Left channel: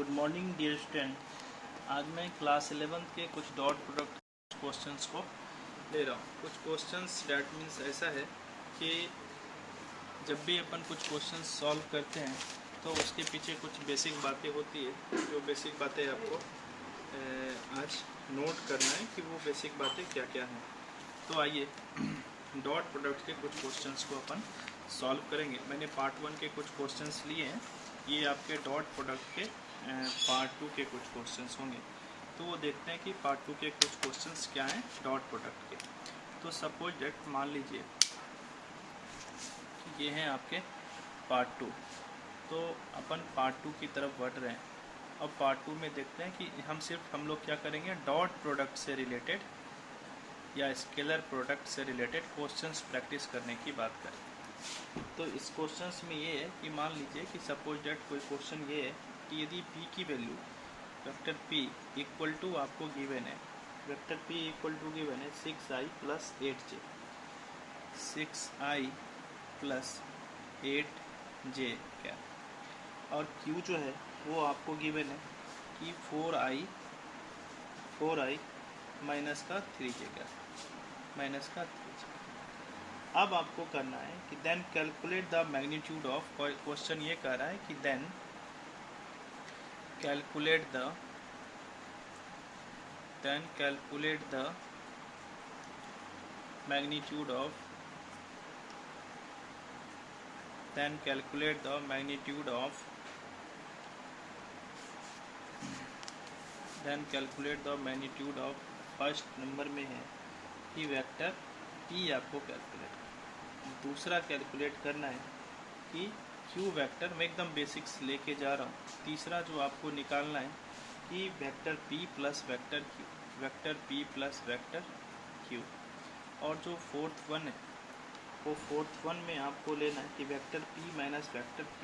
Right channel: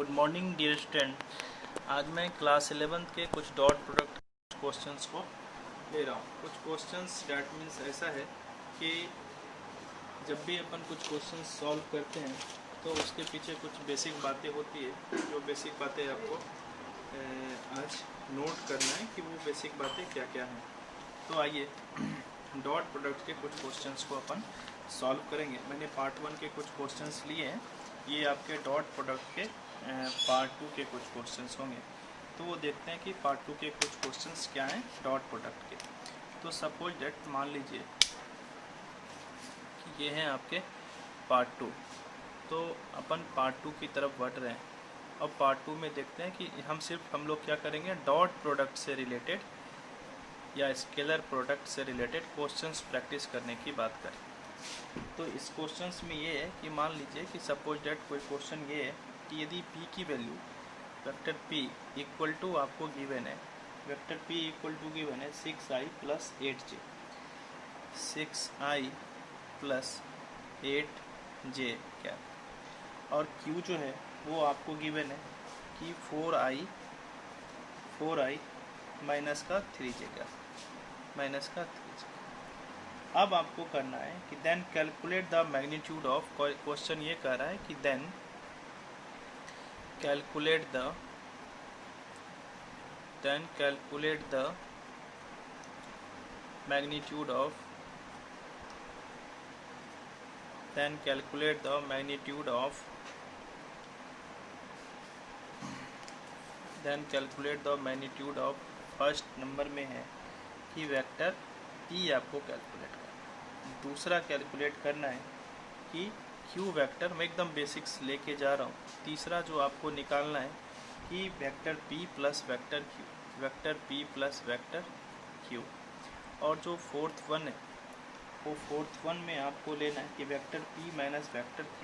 Good morning dear student. आज मैं class 11 के कुछ डॉट प्रोडक्ट क्वेश्चंस को ले रहा हूँ। कुछ क्वेश्चंस डैट मीन्स ऐसा है कि जब भी अपन कुछ क्वेश्चंस सॉल्व करते हैं तो उसके पीछे कुछ बेसिक बातें होती है। जो बेसिक बातें आपको आज नोट करना है कि वो बेसिक बातें क्या क्या हैं। तो आइए डॉट प्रोडक्ट के कुछ क्वेश्चंस को अपन सॉल्व करेंगे। मैंने पार्ट 1 के कुछ क्वेश्चंस लिए हैं, ये आपके डॉट प्रोडक्ट के पार्ट 2 के कुछ क्वेश्चंस होंगे। तो वो देखते हैं कि पार्ट 2 के कुछ क्वेश्चंस क्या हैं डॉट प्रोडक्ट के। तो सपोज दैट मान लीजिए ये हैं आपके पार्ट 2, तो अपन पार्ट 2 की तरफ बढ़ रहे हैं। अब पार्ट 2 में देखते हैं कि हम लोग क्या करेंगे, डॉट प्रोडक्ट से रिलेटेड या स्केलर प्रोडक्ट से रिलेटेड क्वेश्चंस प्रैक्टिस करने की बात करें। तो इस क्वेश्चंस में ये है कि मान लीजिए कि सपोज दैट कोई क्वेश्चन ये है कि यदि p की value vector p equal to आपको गिवन है, vector p equal to given है 6i plus 8j, 6i plus 8j क्या, और q जो है वो आपको गिवन है कि 4i माइनस का 3j का, माइनस का 3j। अब आपको करना है कि then calculate the magnitude of, question ये कह रहा है कि then calculate the magnitude of first number में है कि वेक्टर p आपको कैलकुलेट करना है। दूसरा कैलकुलेट करना है कि q वेक्टर, मैं एकदम बेसिक्स लेके जा रहा हूँ। तीसरा जो आपको निकालना है कि vector p plus vector q, vector p plus vector q। और जो फोर्थ वन है वो फोर्थ वन में आपको लेना है कि vector p minus vector q,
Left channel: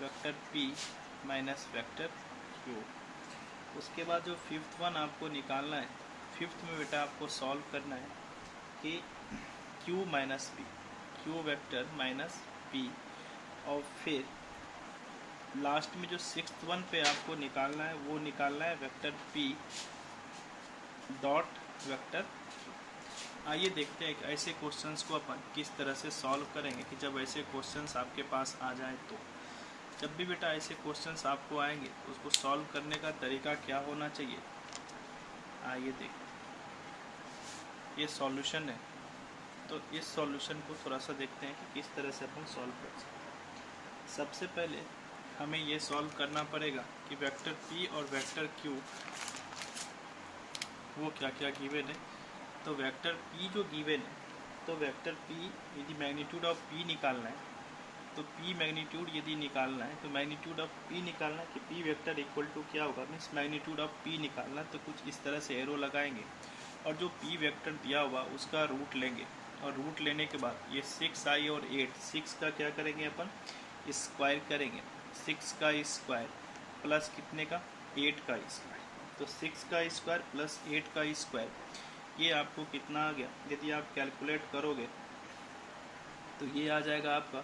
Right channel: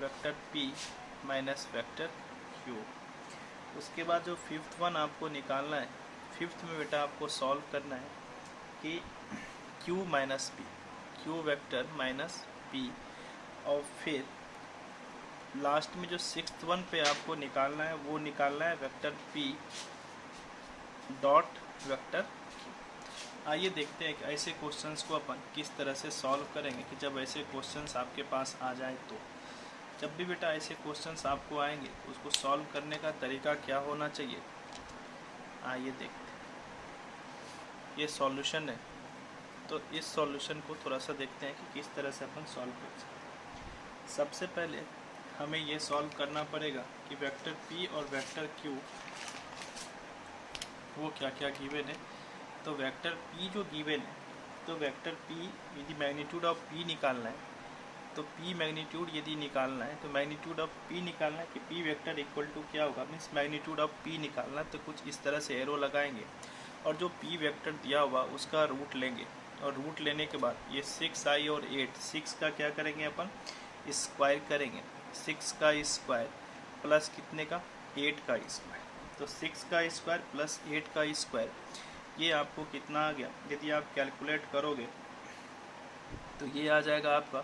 vector p minus vector q। उसके बाद जो फिफ्थ वन आपको निकालना है, फिफ्थ में बेटा आपको सॉल्व करना है कि q minus p, q vector minus p। और फिर लास्ट में जो सिक्स्थ वन पे आपको निकालना है वो निकालना है vector p dot vector q। आइए देखते हैं कि ऐसे क्वेश्चंस को अपन किस तरह से सॉल्व करेंगे कि जब ऐसे क्वेश्चंस आपके पास आ जाए तो। जब भी बेटा ऐसे क्वेश्चंस आपको आएंगे उसको सॉल्व करने का तरीका क्या होना चाहिए, आइए देखते हैं। ये सॉल्यूशन है, तो इस सॉल्यूशन को थोड़ा सा देखते हैं कि किस तरह से अपन सॉल्व कर सकते हैं। सबसे पहले हमें ये सॉल्व करना पड़ेगा कि वेक्टर p और वेक्टर q वो क्या क्या गिवन है। तो वेक्टर p जो गिवन है, तो वेक्टर p यदि मैग्नीट्यूड ऑफ p निकालना है, तो p मैग्नीट्यूड यदि निकालना है तो मैग्नीट्यूड ऑफ p निकालना है कि p वेक्टर इक्वल टू क्या होगा, मीन्स मैग्नीट्यूड ऑफ p निकालना। तो कुछ इस तरह से एरो लगाएंगे और जो p वेक्टर दिया हुआ उसका रूट लेंगे, और रूट लेने के बाद ये 6i और 8, 6 का क्या करेंगे अपन, स्क्वायर करेंगे। 6 का स्क्वायर प्लस कितने का, 8 का स्क्वायर। तो 6 का स्क्वायर प्लस 8 का स्क्वायर, ये आपको कितना आ गया, यदि आप कैलकुलेट करोगे तो ये आ जाएगा आपका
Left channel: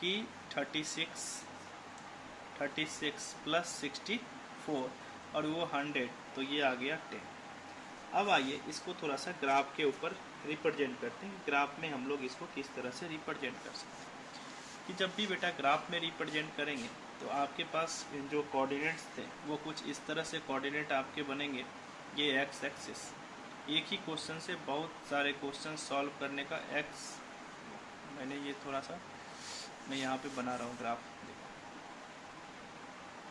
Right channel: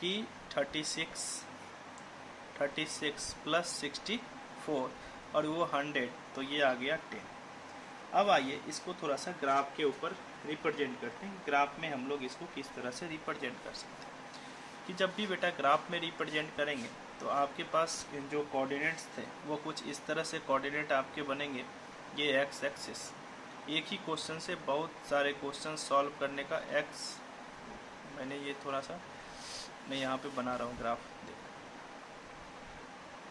कि 36 प्लस 64 और वो 100, तो ये आ गया 10। अब आइए इसको थोड़ा सा ग्राफ के ऊपर रिप्रेजेंट करते हैं। ग्राफ में हम लोग इसको किस तरह से रिप्रेजेंट कर सकते हैं कि जब भी बेटा ग्राफ में रिप्रेजेंट करेंगे तो आपके पास जो कोऑर्डिनेट्स थे वो कुछ इस तरह से कोऑर्डिनेट आपके बनेंगे। ये एक्स एक्सिस, एक ही क्वेश्चन से बहुत सारे क्वेश्चन सॉल्व करने का एक्स, मैंने ये थोड़ा सा मैं यहाँ पे बना रहा हूँ ग्राफ,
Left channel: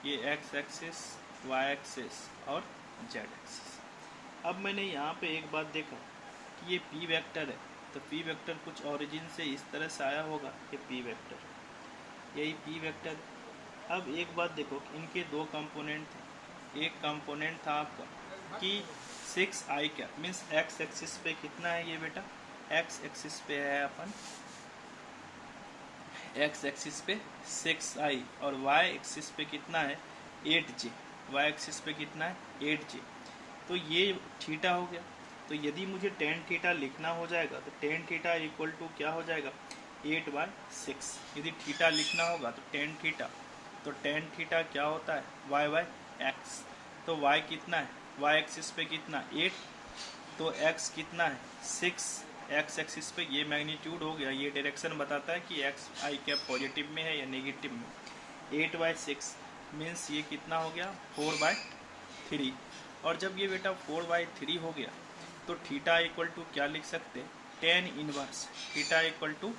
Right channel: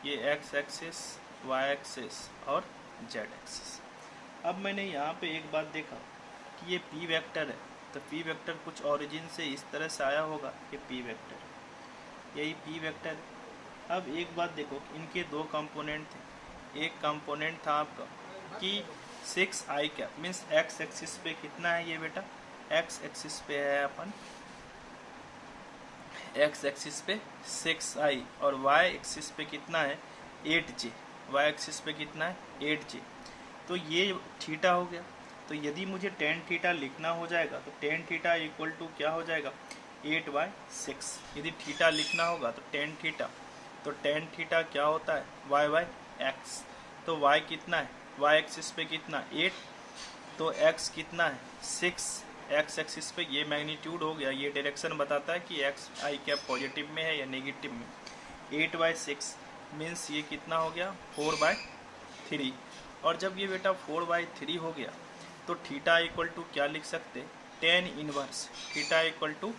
ये एक्स एक्सिस, वाई एक्सिस और जेड एक्सिस। अब मैंने यहाँ पे एक बात देखा कि ये p वेक्टर है, तो p वेक्टर कुछ ओरिजिन से इस तरह से आया होगा, ये p वेक्टर, यही p वेक्टर। अब एक बात देखो, इनके दो कंपोनेंट थे। एक कंपोनेंट था आपका कि 6i क्या, मीन्स x एक्सिस पे कितना है ये बेटा, x एक्सिस पे है अपन, x एक्सिस पे 6i, और y एक्सिस पे कितना है 8j, y एक्सिस पे कितना है 8j। तो ये थीटा हो गया। तो यदि मुझे टेन थीटा लिखना हो जाएगा तो टेन थीटा इक्वल टू क्या हो जाएगा, 8/6। यदि थीटा लिखना होगा तो टेन थीटा तो टेन थीटा क्या होता है, वाई बाई एक्स। तो वाई कितना है, वाई एक्सिस पे कितना 8, तो एक्स कितना है 6, एक्स एक्सिस पे ये मैग्नीट्यूड हो गया, ये डायरेक्शन बताता है कि एक्स आई क्या पॉजिटिव में है या नेगेटिव में। 8/6 मीन्स ये कितना हो गया 4/3। और जब ये बेटा 4/3 हो गया तो थीटा इक्वल टू क्या लिख सकते हैं, tan inverse, theta equal to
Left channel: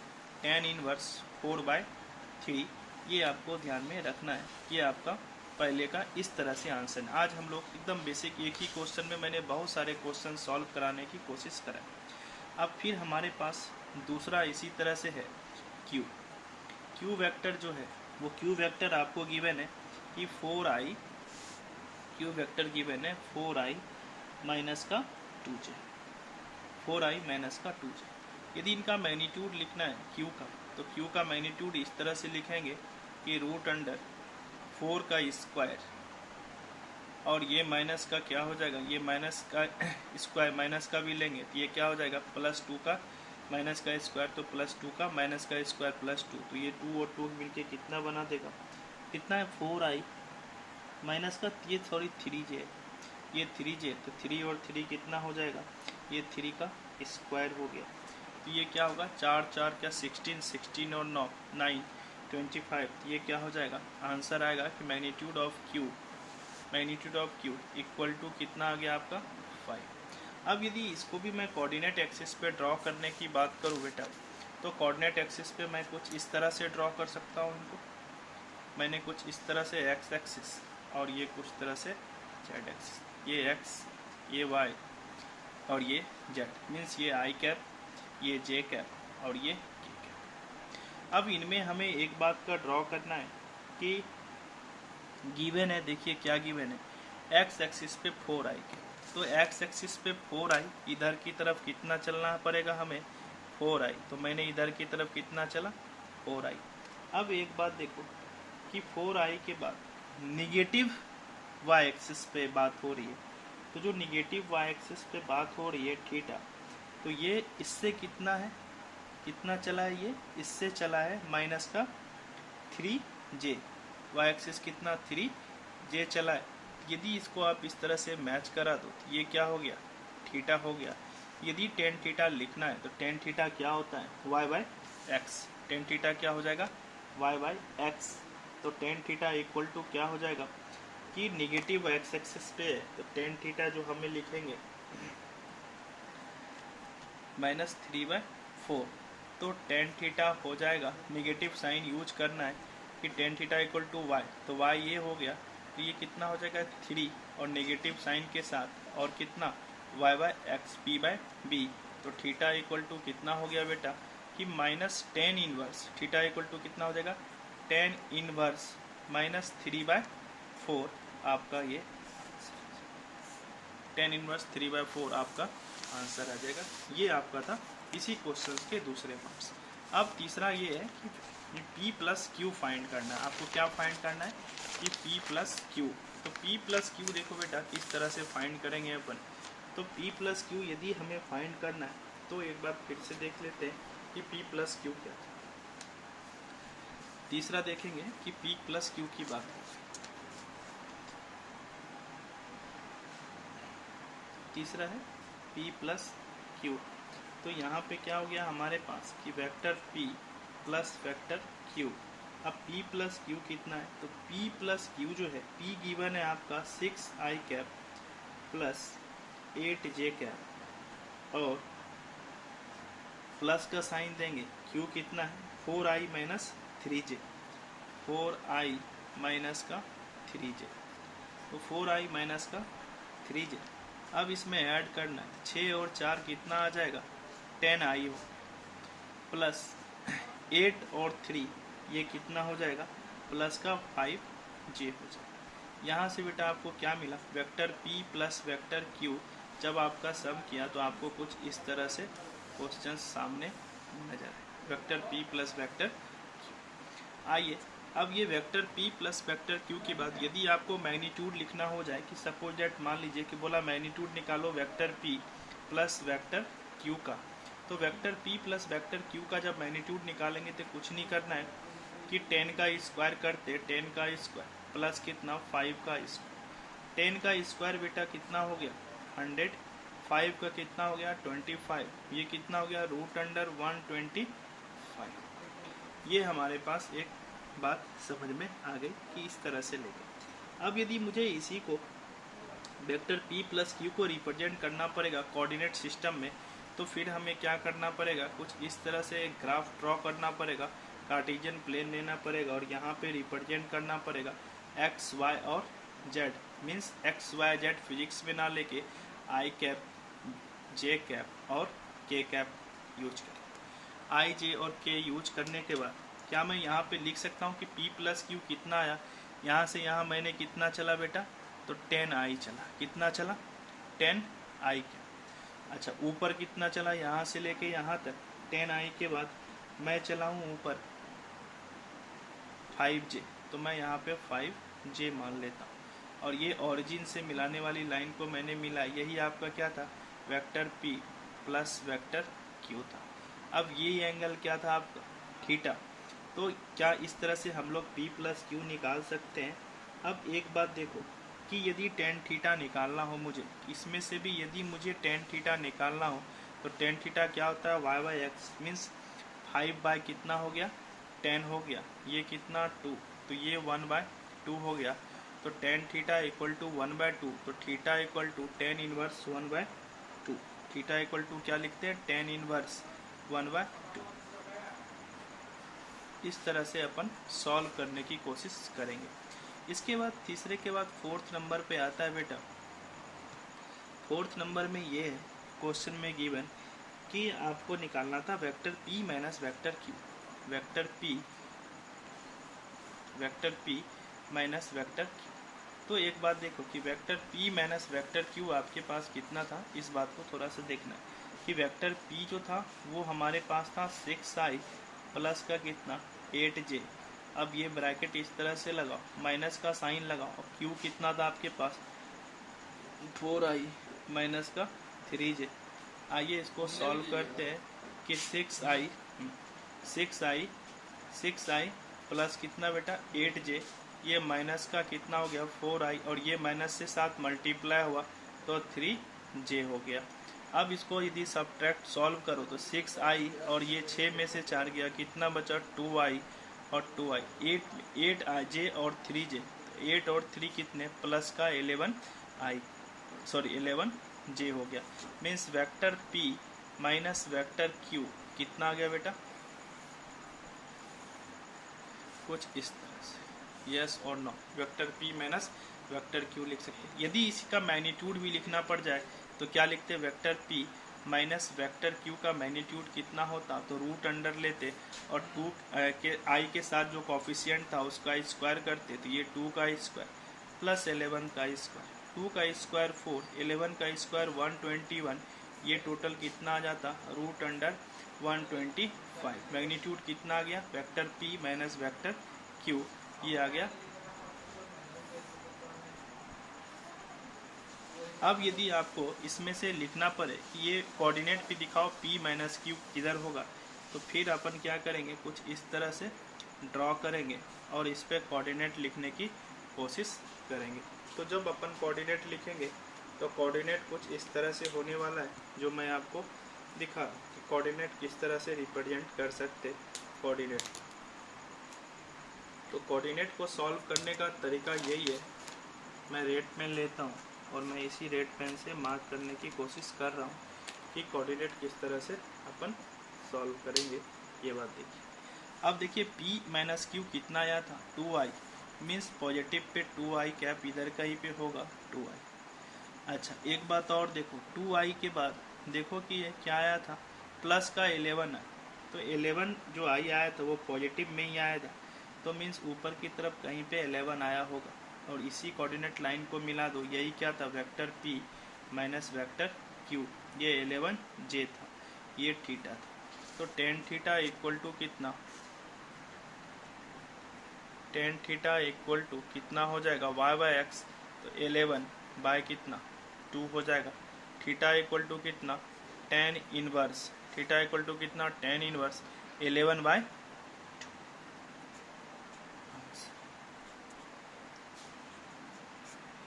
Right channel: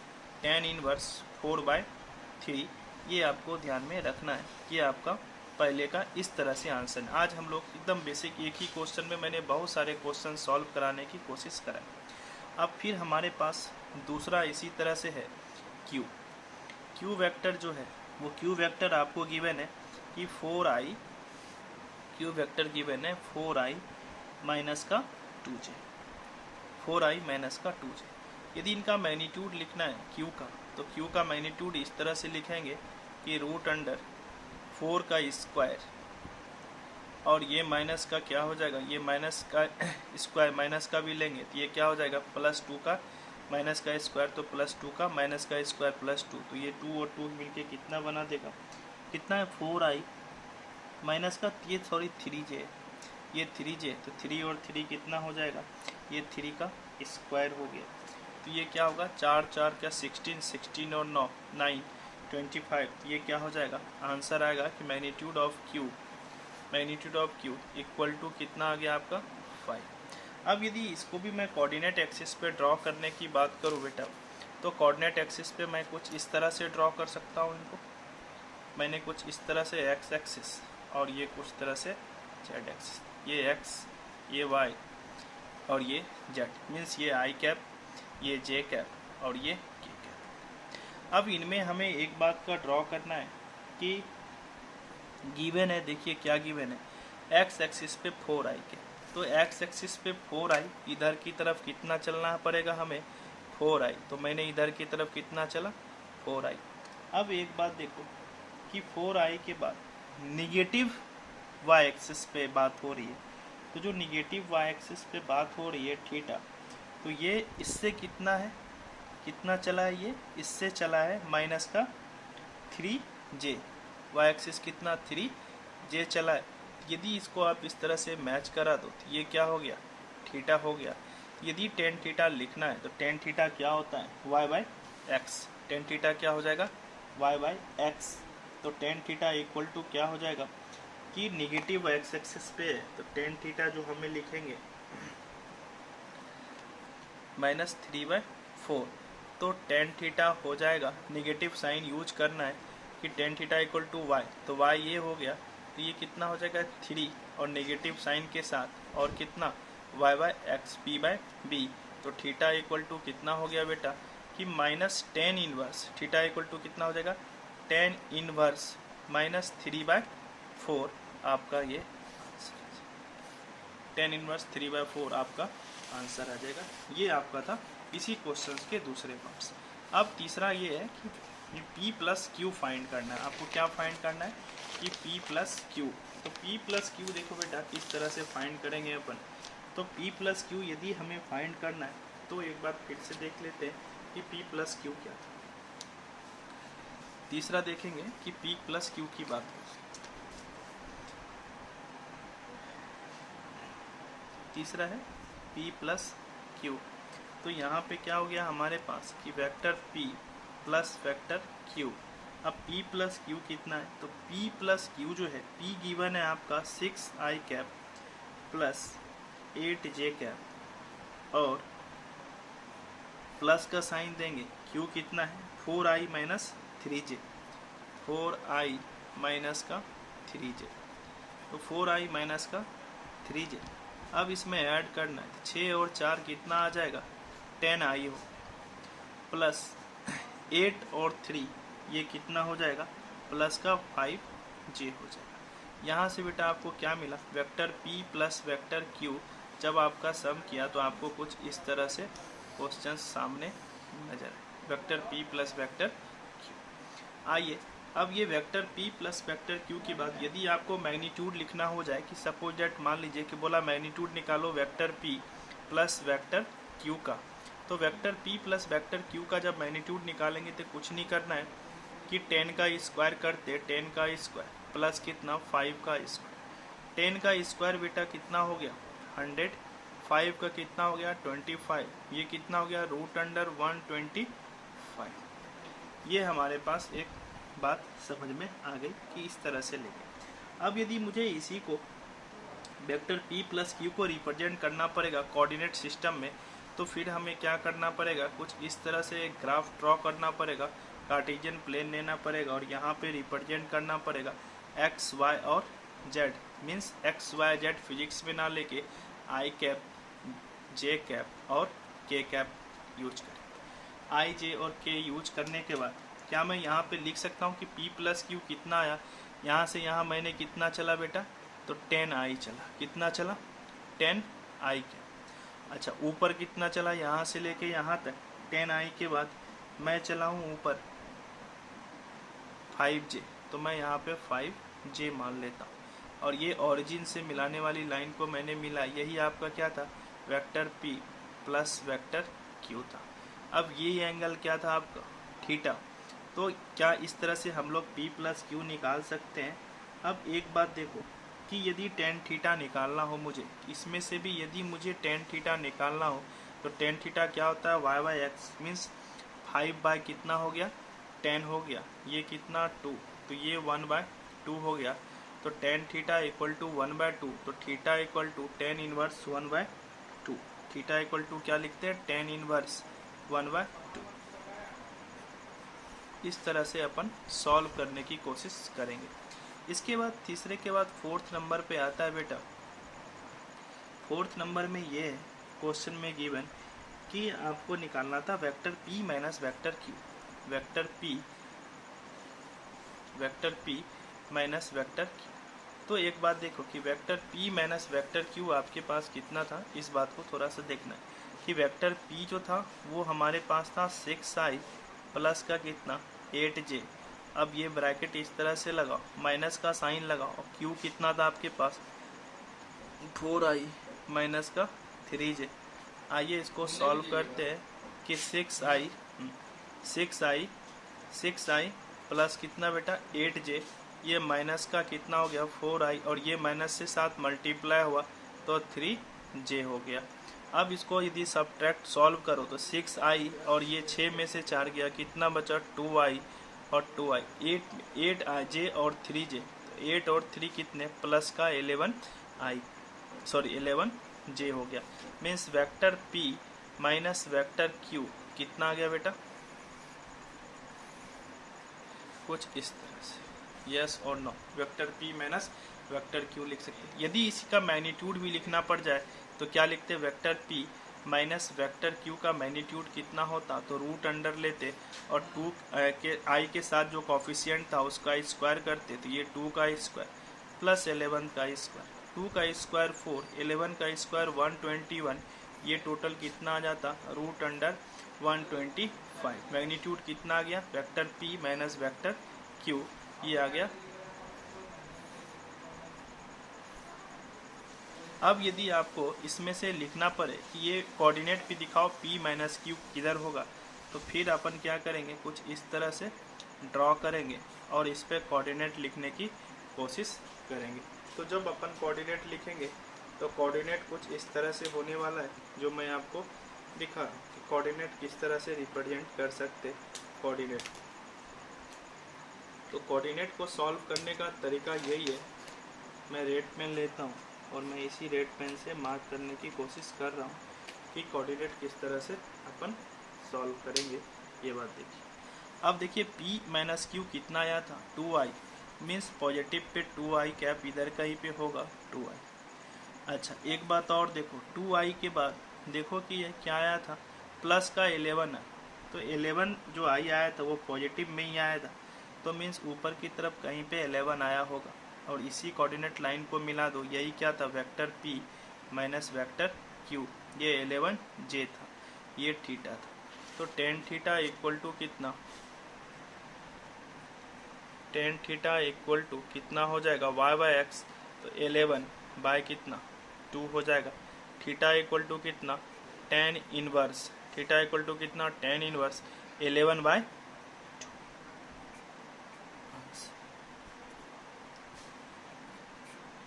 tan inverse 4/3। ये आपको ध्यान में रखना है कि आपका पहले का इस तरह से आंसर है। आज हम लोग एकदम बेसिक एक ही क्वेश्चन में मैंने बहुत सारे क्वेश्चन सॉल्व कराने की कोशिश करा। अब फिर हमारे पास दूसरा इसी तरह से है क्यू। क्यू वेक्टर जो है वो क्यू वेक्टर आपको गिवन है कि 4i, क्यू वेक्टर गिवन है 4i माइनस का 2j, 4i माइनस का 2j। यदि इनका मैग्नीट्यूड लिखना है क्यू का, तो क्यू का मैग्नीट्यूड इस तरह से लिखेंगे कि √4 का स्क्वायर, और ये माइनस का क्या हो जाएगा, ये माइनस का स्क्वायर माइनस का भी लेंगे तो ये क्या हो जाएगा +2 का माइनस का स्क्वायर, तो +2 का माइनस का स्क्वायर +2, तो ये 2 और 2 मिलके कितना बना देगा, कितना है 4i माइनस का, ये सॉरी 3j, ये 3j, तो 3 और 3 कितना हो जाएगा, ये 3 का स्क्वायर हो गया। तो ये क्या होगा 4 4 क्या 16, 16 और 9 9 25, ये क्या हो जाएगा आंसर आएगा कि magnitude of q equal to कितना आ गया आपका 5। अब यदि इसको भी मैं कोऑर्डिनेट एक्सिस पे ड्रॉ करने की बात करूँ बेटा, तो कोऑर्डिनेट एक्सिस पे मैं कुछ इस तरह से ड्रॉ कर सकता हूँ इनको। मैंने कुछ इस तरह से एक्स एक्सिस और ये कुछ तरह से जेड एक्सिस, ये एक्स, ये वाई और ये जेड, मीन्स ये आई कैप, ये जे कैप और ये के कैप। अब इनमें हमें एक बात का ड्रॉ करना है कि गिवन है, देखिए क्या गिवन है, एक्स एक्सिस पे 4i के, तो एक्स एक्सिस पे 4i, इधर की तरफ कितना चलना पड़ेगा हमें 4i, तो मैंने इधर की तरफ कितना चला 4i। अब एक बात देखो कि 4i के बाद निगेटिव y एक्सिस पे बात हो रही है, तो जो निगेटिव y एक्सिस पे बात हो रही है थीटा, तो ये इससे कितना है, कितना चला है, ये इससे चला है माइनस का 3j, y एक्सिस कितना 3j चला है। यदि इसको आप इस तरह से मैच करा दो तो ये क्या हो गया थीटा हो गया। यदि टेन थीटा लिखना है तो टेन थीटा क्या होता है y/x, टेन थीटा क्या हो जाएगा y/x, तो टेन थीटा इक्वल टू क्या हो जाएगा कि निगेटिव x एक्सिस पे है, तो टेन थीटा जो हमें लिखेंगे -3/4, तो टेन थीटा हो जाएगा, निगेटिव साइन यूज करना है कि tan theta equal to y, तो y ये हो गया, तो ये कितना हो जाएगा 3 और नेगेटिव साइन के साथ, और कितना y/x p/b, तो थीटा इक्वल टू कितना हो गया बेटा कि -10 इनवर्स, थीटा इक्वल टू कितना हो जाएगा 10 इनवर्स -3/4, आपका ये 10 इनवर्स 3/4 आपका आंसर आ जाएगा। ये आपका था इसी क्वेश्चन के दूसरे पार्ट्स। अब तीसरा ये है कि P प्लस क्यू फाइंड करना है। आपको क्या फाइंड करना है कि P प्लस क्यू, तो P प्लस क्यू देखो बेटा किस तरह से फाइंड करेंगे अपन। तो P प्लस क्यू यदि हमें फाइंड करना है तो एक बार फिर से देख लेते हैं कि P प्लस क्यू क्या था। तीसरा देखेंगे कि P प्लस क्यू की बात हो, तीसरा है P प्लस क्यू। तो यहाँ पे क्या हो गया हमारे पास कि vector P plus vector Q। अब P प्लस क्यू कितना है, तो P प्लस क्यू जो है, P गिवन है आपका 6i cap plus 8j cap, और प्लस का साइन देंगे, Q कितना है 4i minus 3j, 4i minus का 3j, तो 4i माइनस का 3j। अब इसमें ऐड करना है, 6 और 4 कितना आ जाएगा 10i हो, प्लस 8 और 3 ये कितना हो जाएगा प्लस का 5j हो जाएगा। यहाँ से बेटा आपको क्या मिला, vector P plus vector Q जब आपका सम किया तो आपको कुछ इस तरह से क्वेश्चन सामने नजर आए, vector P plus vector Q। आइए अब ये vector P plus vector Q की बात, यदि आपको मैग्नीट्यूड लिखना हो जाए कि सपोज दैट मान लीजिए कि बोला मैग्नीट्यूड निकालो vector P plus vector Q का, तो vector P plus vector Q का जब मैग्नीट्यूड निकालेंगे तो कुछ नहीं करना है, कि 10 का स्क्वायर करते 10 का स्क्वायर प्लस कितना 5 का स्क्वायर। 10 का स्क्वायर बेटा कितना हो गया 100, 5 का कितना हो गया 25, ये कितना हो गया √125। ये हमारे पास एक बात समझ में आ गई कि इस तरह से लोगे। अब यदि मुझे इसी को वेक्टर p प्लस क्यू को रिप्रेजेंट करना पड़ेगा कोऑर्डिनेट सिस्टम में, तो फिर हमें क्या करना पड़ेगा, कुछ इस तरह से एक ग्राफ ड्रॉ करना पड़ेगा, कार्टेशियन प्लेन लेना पड़ेगा और यहाँ पे रिप्रेजेंट करना पड़ेगा x, y और z। Means x, y, z physics में ना लेके i कैप, j कैप और k कैप यूज करें। i, j और k यूज करने के बाद क्या मैं यहाँ पे लिख सकता हूँ कि p प्लस क्यू कितना आया, यहाँ से यहाँ मैंने कितना चला बेटा, तो 10i चला। कितना चला 10i। अच्छा ऊपर कितना चला, यहाँ से लेके यहाँ तक 10i के बाद मैं चला हूँ ऊपर 5j, तो मैं यहाँ पे 5j मान लेता हूँ और ये ओरिजिन से मिलाने वाली लाइन को मैंने मिला। यही आपका क्या था vector p plus vector q था। अब ये एंगल क्या था आपका थीटा। तो क्या इस तरह से हम लोग p प्लस क्यू निकाल सकते हैं। अब एक बात देखो कि यदि tan थीटा निकालना हो मुझे, इसमें से भी यदि मुझे tan थीटा निकालना हो तो tan थीटा क्या होता है y by x. Means 5 by कितना हो गया 10 हो गया, ये कितना 2, तो ये 1/2 हो गया। तो tan थीटा इक्वल टू 1/2, तो theta equal to tan inverse 1/2। Theta equal to क्या लिखते हैं tan इनवर्स 1/2। इस तरह से अपन सॉल्व करने की कोशिश करेंगे। इसके बाद तीसरे के बाद फोर्थ नंबर पे आता है बेटा। फोर्थ नंबर में ये है क्वेश्चन में गिवन कि आपको निकालना था vector p minus vector q। Vector p minus vector q। तो एक बात देखो कि vector p minus vector q आपके पास कितना था, इस बात को थोड़ा सा देखना है कि वेक्टर p जो था वो हमारे पास था 6i प्लस का कितना 8j। अब ये ब्रैकेट इस तरह से लगाओ, माइनस का साइन लगाओ और q कितना था आपके पास 4i माइनस का 3j। आइए इसको सॉल्व करते हैं कि 6i प्लस कितना बेटा 8j, ये माइनस का कितना हो गया 4i और ये माइनस से साथ मल्टीप्लाई हुआ तो 3j हो गया। अब इसको यदि सब्ट्रैक्ट सॉल्व करो तो 6i और ये 6 में से 4 गया, कितना बचा 2i और 2i, 8j और 3j, 8 और 3 कितने प्लस का 11j हो गया। Means vector p minus vector q कितना आ गया बेटा, कुछ इस तरह से, यस और no. Vector p minus vector q लिख सकते हैं। यदि इसका मैग्नीट्यूड भी लिखना पड़ जाए तो क्या लिखते हैं, vector p minus vector q का मैग्नीट्यूड कितना होता, तो रूट अंडर लेते और 2 के i के साथ जो कॉफिशिएंट था उसका स्क्वायर करते, तो ये 2 का स्क्वायर प्लस 11 का स्क्वायर, 2 का स्क्वायर 4, 11 का स्क्वायर 121, ये टोटल कितना आ जाता रूट अंडर 125। मैग्नीट्यूड कितना आ गया vector p minus vector q, ये आ गया। अब यदि आपको इसमें से लिखना पड़े कि ये कोऑर्डिनेट भी दिखाओ p माइनस क्यू किधर होगा, तो फिर अपन क्या करेंगे, कुछ इस तरह से ड्रॉ करेंगे और इस पे कोऑर्डिनेट लिखने की कोशिश करेंगे। तो जब अपन कोऑर्डिनेट लिखेंगे तो कोऑर्डिनेट कुछ इस तरह से होने वाला है, जो मैं आपको दिखा रहा हूँ कि कोऑर्डिनेट किस तरह से रिप्रेजेंट कर सकते कोऑर्डिनेट। तो कोऑर्डिनेट को सॉल्व करने का तरीका यही है, मैं रेड पेन लेता हूँ और मैं इसी रेड पेन से मार्क करने की कोशिश कर रहा हूँ कि कोऑर्डिनेट किस तरह से अपन सॉल्व करेंगे। ये बात देखिए। अब देखिए p माइनस क्यू कितना आया था 2i, means positive pay 2i cap इधर का ही पे होगा 2i। अच्छा एक बात और देखो, 2i के बाद देखो कि ये क्या आया था प्लस का 11 है, तो 11 जो i आया था वो पॉजिटिव में ही आया था, तो मीन्स ऊपर की तरफ कहीं पे 11 आया होगा और इसी कोऑर्डिनेट लाइन को मिला दो। यही क्या था vector p minus vector q, ये 11j था, ये थीटा था। तो tan थीटा इक्वल टू कितना, tan थीटा इक्वल टू कितना हो जाएगा y बाई एक्स, तो 11 बाय कितना 2 हो जाएगा। थीटा इक्वल टू कितना tan inverse, theta equal to कितना tan इनवर्स 11/2।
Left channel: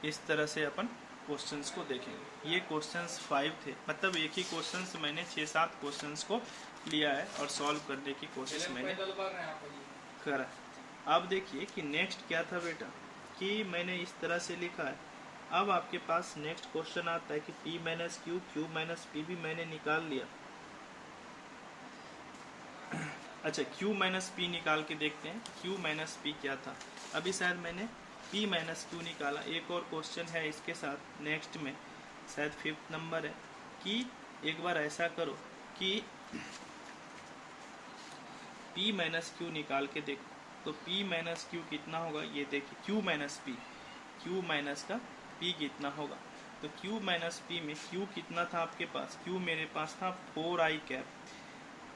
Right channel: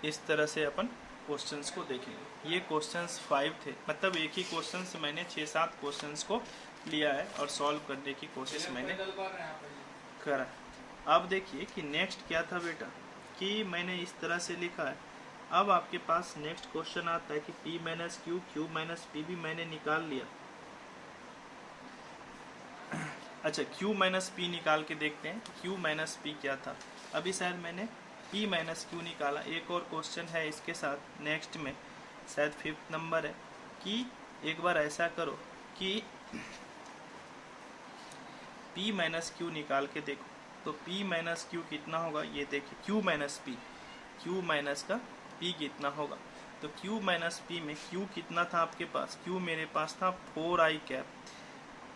इस तरह से अपन क्वेश्चंस को देखेंगे। ये क्वेश्चंस 5 थे, मतलब एक ही क्वेश्चन से मैंने 6-7 क्वेश्चंस को लिया है और सॉल्व करने की कोशिश मैंने करा। अब देखिए कि नेक्स्ट क्या था बेटा, कि मैंने इस तरह से लिखा है। अब आपके पास नेक्स्ट क्वेश्चन आता है कि p minus Q, Q minus P भी मैंने निकाल लिया। अच्छा, q माइनस पी निकाल के देखते हैं q माइनस पी क्या था। अभी शायद मैंने p माइनस क्यू निकाला। एक और क्वेश्चन है इसके साथ नेक्स्ट में, शायद 5th नंबर है, कि एक बार ऐसा करो कि p माइनस क्यू निकाल के देखो। तो p माइनस क्यू कितना होगा, ये देखिए q minus P, q minus का p कितना होगा। तो q माइनस पी में q कितना था आपके पास, q मेरे पास था 4i कैप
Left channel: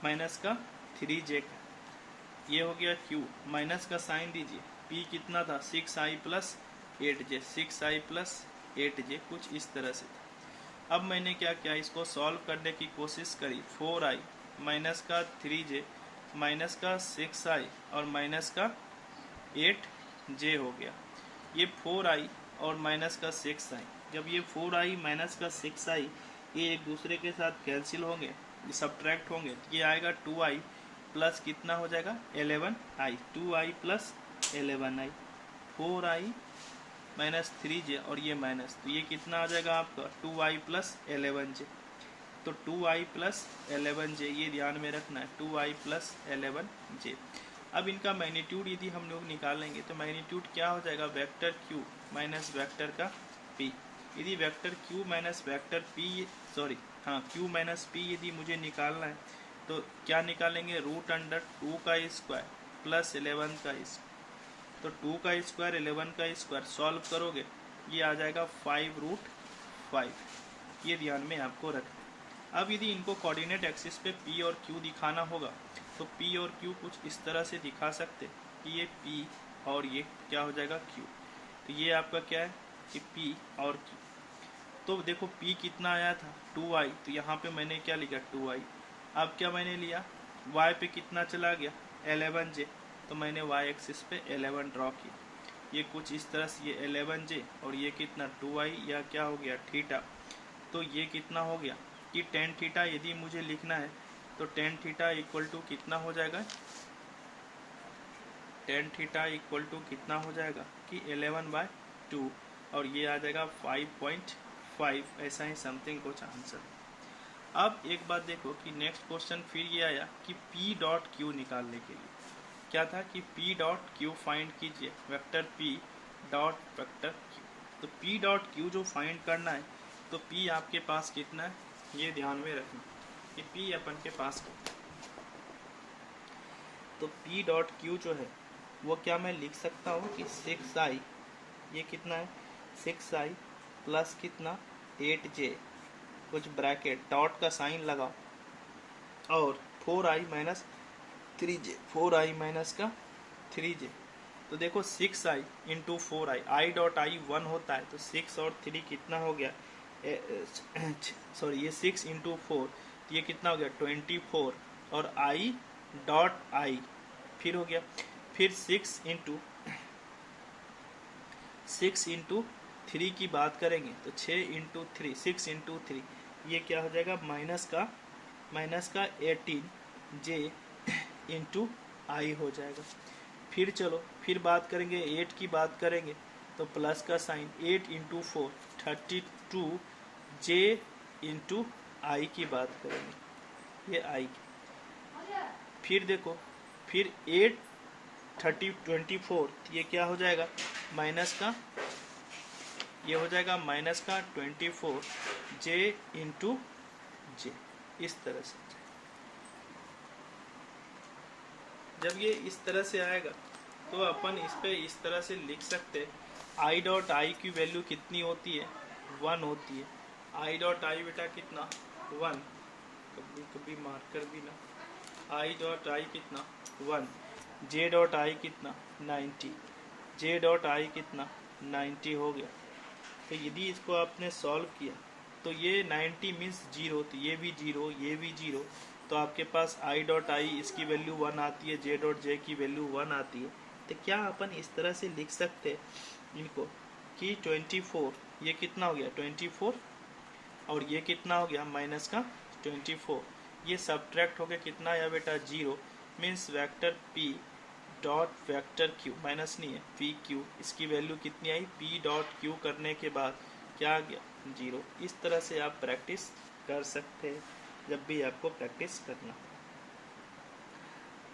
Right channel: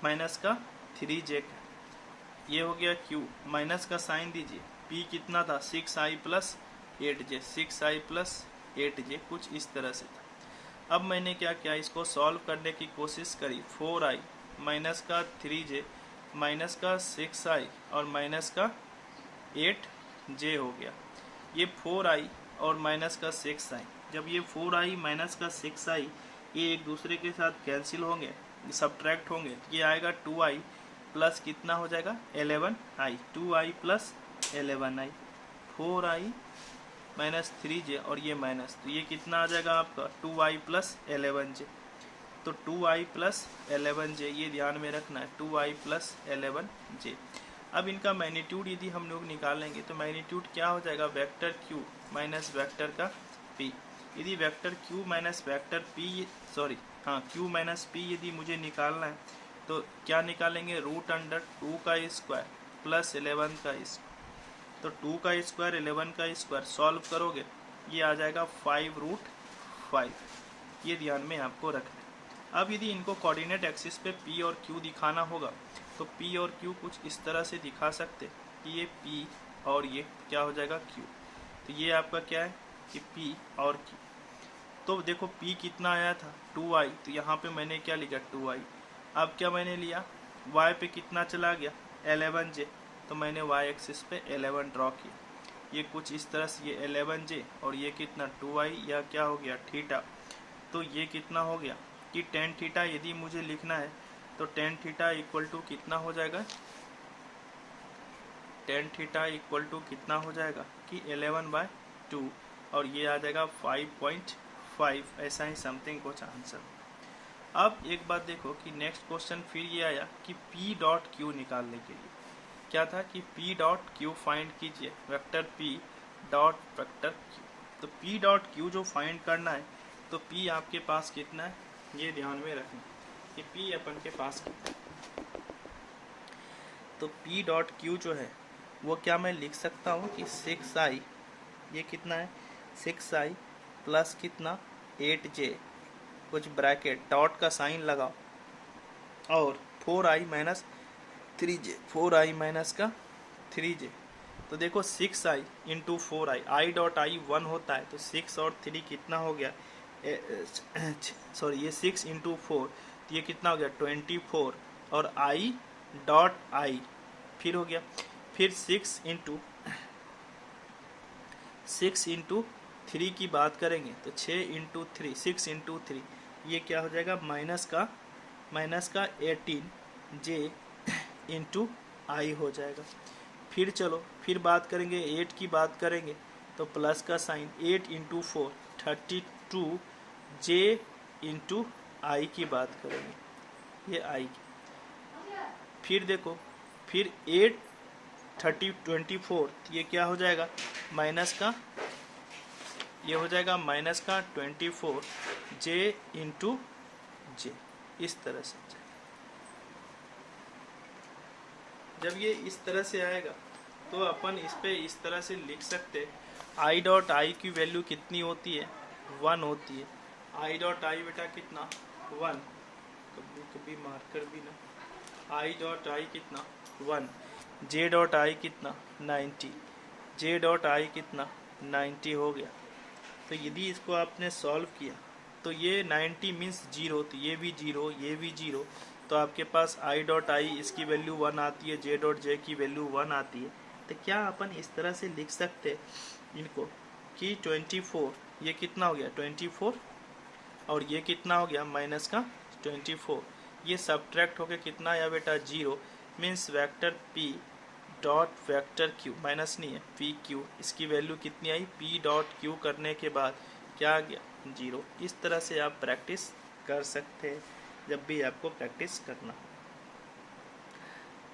माइनस का 3j, ये हो गया q। माइनस का साइन दीजिए, p कितना था 6i plus 8j, 6i plus 8j, कुछ इस तरह से था। अब मैंने क्या किया, इसको सॉल्व करने की कोशिश करी। 4i माइनस का 3j माइनस का 6i और माइनस का 8j हो गया। ये 4i और माइनस का 6i, जब ये 4i माइनस का 6i ये एक दूसरे के साथ कैंसिल होंगे, सब्ट्रैक्ट होंगे, तो ये आएगा 2i प्लस कितना हो जाएगा 11i, 2i plus 11i, 4i minus 3j और ये माइनस, तो ये कितना आ जाएगा आपका 2i प्लस 11j। तो 2i प्लस 11j, ये ध्यान में रखना है, 2i प्लस 11j। अब इनका मैग्नीट्यूड यदि हम लोग निकालेंगे तो मैग्नीट्यूड क्या हो जाएगा, वेक्टर q माइनस वेक्टर का p। यदि vector q minus vector p, sorry हाँ q माइनस p यदि मुझे निकालना है तो क्या निकालेंगे, रूट अंडर 2 का स्क्वायर प्लस 11 का स्क्वायर। तो 2 का स्क्वायर 11 का स्क्वायर सॉल्व करोगे, ये आ जाएगा 5√5। ये ध्यान में आपको रखना है। अब यदि इनको कोऑर्डिनेट एक्सिस पे p और q दिखाना होगा तो p और q कुछ इस तरह से दिखा सकते कि ये p और ये क्या हो जाएगा q। तो ये आपका क्या है कि p और q। तो देखो p कितना आया था 2i, तो यहाँ पे मैंने क्या लिखा 2i। अब क्या मैंने लिया, y पे कितना चला गया 11j, तो मैंने y एक्सिस पे 11 ड्रॉ किया। ये कुछ इस तरह से, ये 11j और ये कितना 2i, या क्या हो गया थीटा। तो ये कितना हो गया कि tan थीटा यदि मुझे लिखना है तो tan थीटा इक्वल टू कितना हो जाएगा, tan थीटा इक्वल टू कितना हो जाएगा कि 11/2 और ये आ जाएगा 5.5, ऐसा ही समथिंग कुछ आंसर। अब एक बात देखो कि नेक्स्ट क्वेश्चन फिर ये आया कि p डॉट क्यू निकालने के लिए क्या था कि p डॉट क्यू फाइंड कीजिए, vector p dot vector q। तो p डॉट क्यू जो फाइंड करना है तो p आपके पास कितना है, ये ध्यान में रखें कि p अपन के पास कितना है। तो p डॉट क्यू जो है वो क्या मैं लिख सकता हूँ कि 6i, ये कितना है 6i प्लस कितना 8j, कुछ ब्रैकेट डॉट का साइन लगाओ, और 4i minus 3j, 4i minus का 3j। तो देखो 6i into 4i, i dot i 1 होता है, तो 6 और 3 कितना हो गया, सॉरी ये 6 इंटू 4, तो ये कितना हो गया 24, और i डॉट i फिर हो गया, फिर 6 इंटू 3 की बात करेंगे तो 6 इंटू 3, 6 इंटू 3, ये क्या हो जाएगा माइनस का 18j इंटू आई हो जाएगा। फिर चलो फिर बात करेंगे 8 की बात करेंगे तो प्लस का साइन, 8 इंटू 4 32j इंटू आई की बात करेंगे, ये आई। फिर देखो फिर 8 24, ये क्या हो जाएगा माइनस का, ये हो जाएगा माइनस का 24j इंटू जे, इस तरह से। जब ये इस तरह से आएगा तो अपन इस पे इस तरह से लिख सकते, i डॉट आई की वैल्यू कितनी होती है 1 होती है। i डॉट आई बेटा कितना 1, कभी कभी मार्कर भी ना, i डॉट आई कितना 1, j डॉट आई कितना 90, j डॉट आई कितना 90 हो गया। तो यदि इसको आपने सॉल्व किया तो ये 90 मीन्स 0, तो ये भी 0, ये भी 0, तो आपके पास i डॉट आई इसकी वैल्यू 1 आती है, j डॉट जे की वैल्यू 1 आती है। तो क्या अपन इस तरह से लिख सकते हैं इनको कि 24 ये कितना हो गया 24 और ये कितना हो गया माइनस का 24, ये सब्ट्रैक्ट होकर कितना आया बेटा 0, means vector p dot vector q, minus नहीं है पी क्यू, इसकी वैल्यू कितनी आई p डॉट क्यू करने के बाद क्या आ गया 0। इस तरह से आप प्रैक्टिस कर सकते हैं जब भी आपको प्रैक्टिस करना हो।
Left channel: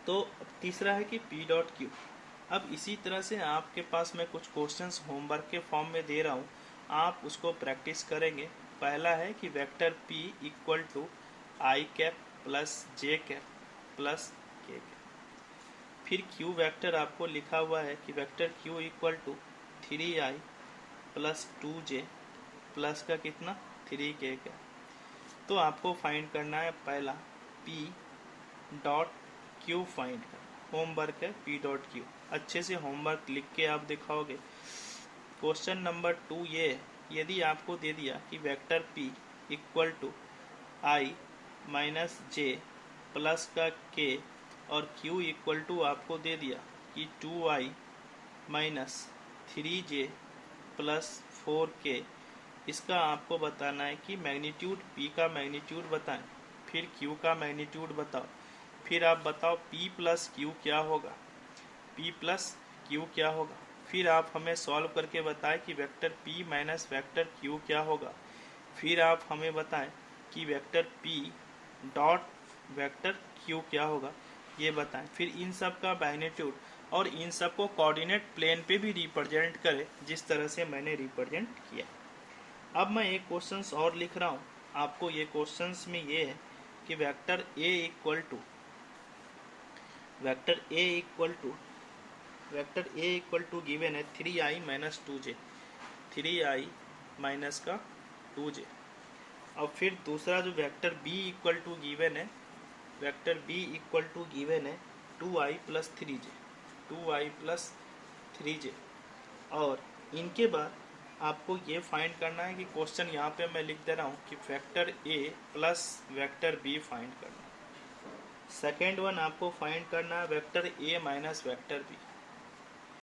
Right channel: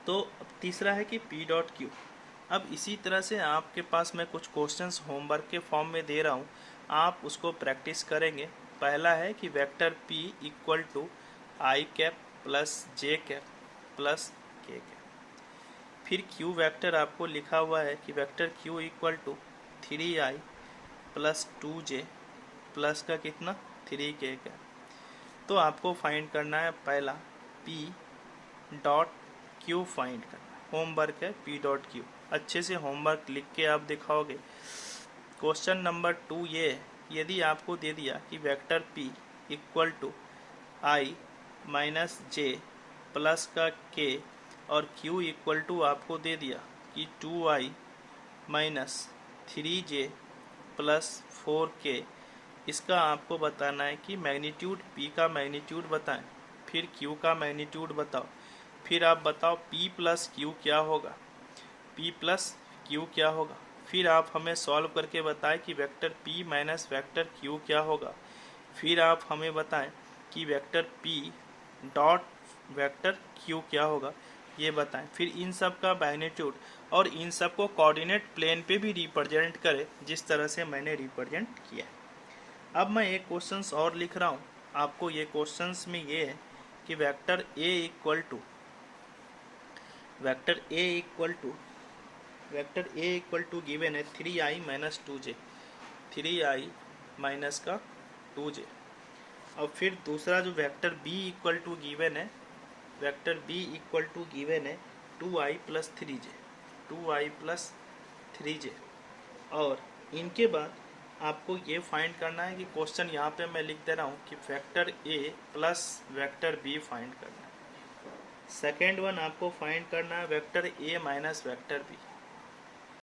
तो तीसरा है कि p डॉट क्यू। अब इसी तरह से आपके पास मैं कुछ क्वेश्चंस होमवर्क के फॉर्म में दे रहा हूँ, आप उसको प्रैक्टिस करेंगे। पहला है कि vector p equal to i cap plus j cap plus k cap. फिर q वेक्टर आपको लिखा हुआ है कि vector q equal to 3i plus 2j plus का कितना 3k का। तो आपको फाइंड करना है पहला p डॉट q फाइंड करना, होमवर्क है p डॉट q। अच्छे से होमवर्क लिख के आप दिखाओगे। क्वेश्चन नंबर 2 ये है, यदि आपको दे दिया कि vector p equal to i minus j plus का k और q इक्वल टू आपको दे दिया कि 2i minus 3j plus 4k, इसका आपको बताना है कि मैग्नीट्यूड p का मैग्नीट्यूड बताएं, फिर q का मैग्नीट्यूड बताओ, फिर आप बताओ p प्लस q क्या होगा, p प्लस q क्या होगा। फिर आप हमें सॉल्व करके बताएं कि vector p minus vector q क्या होगा। फिर आप हमें बताएं कि vector p dot vector q क्या होगा, ये बताएं। फिर इन सब का मैग्नीट्यूड और इन सब को कोऑर्डिनेट प्लेन पे भी रिप्रेजेंट करें जिस तरह से मैंने रिप्रेजेंट किया। अब मैं एक क्वेश्चंस और लिख रहा हूँ आपको। ये क्वेश्चंस में ये है कि vector a equal to given है 3i minus 2j, 3i minus का 2j। और फिर दूसरा जो vector b equal to given है, vector b equal to given है 2i plus 3j, 2i plus 3j। और इनके बाद आपको ये फाइंड करना है कि क्वेश्चन यहाँ पे मैं लिख दे रहा हूँ कि vector a plus vector b find करना है। सेकेंड वन आपको फाइंड करना है vector a minus vector b।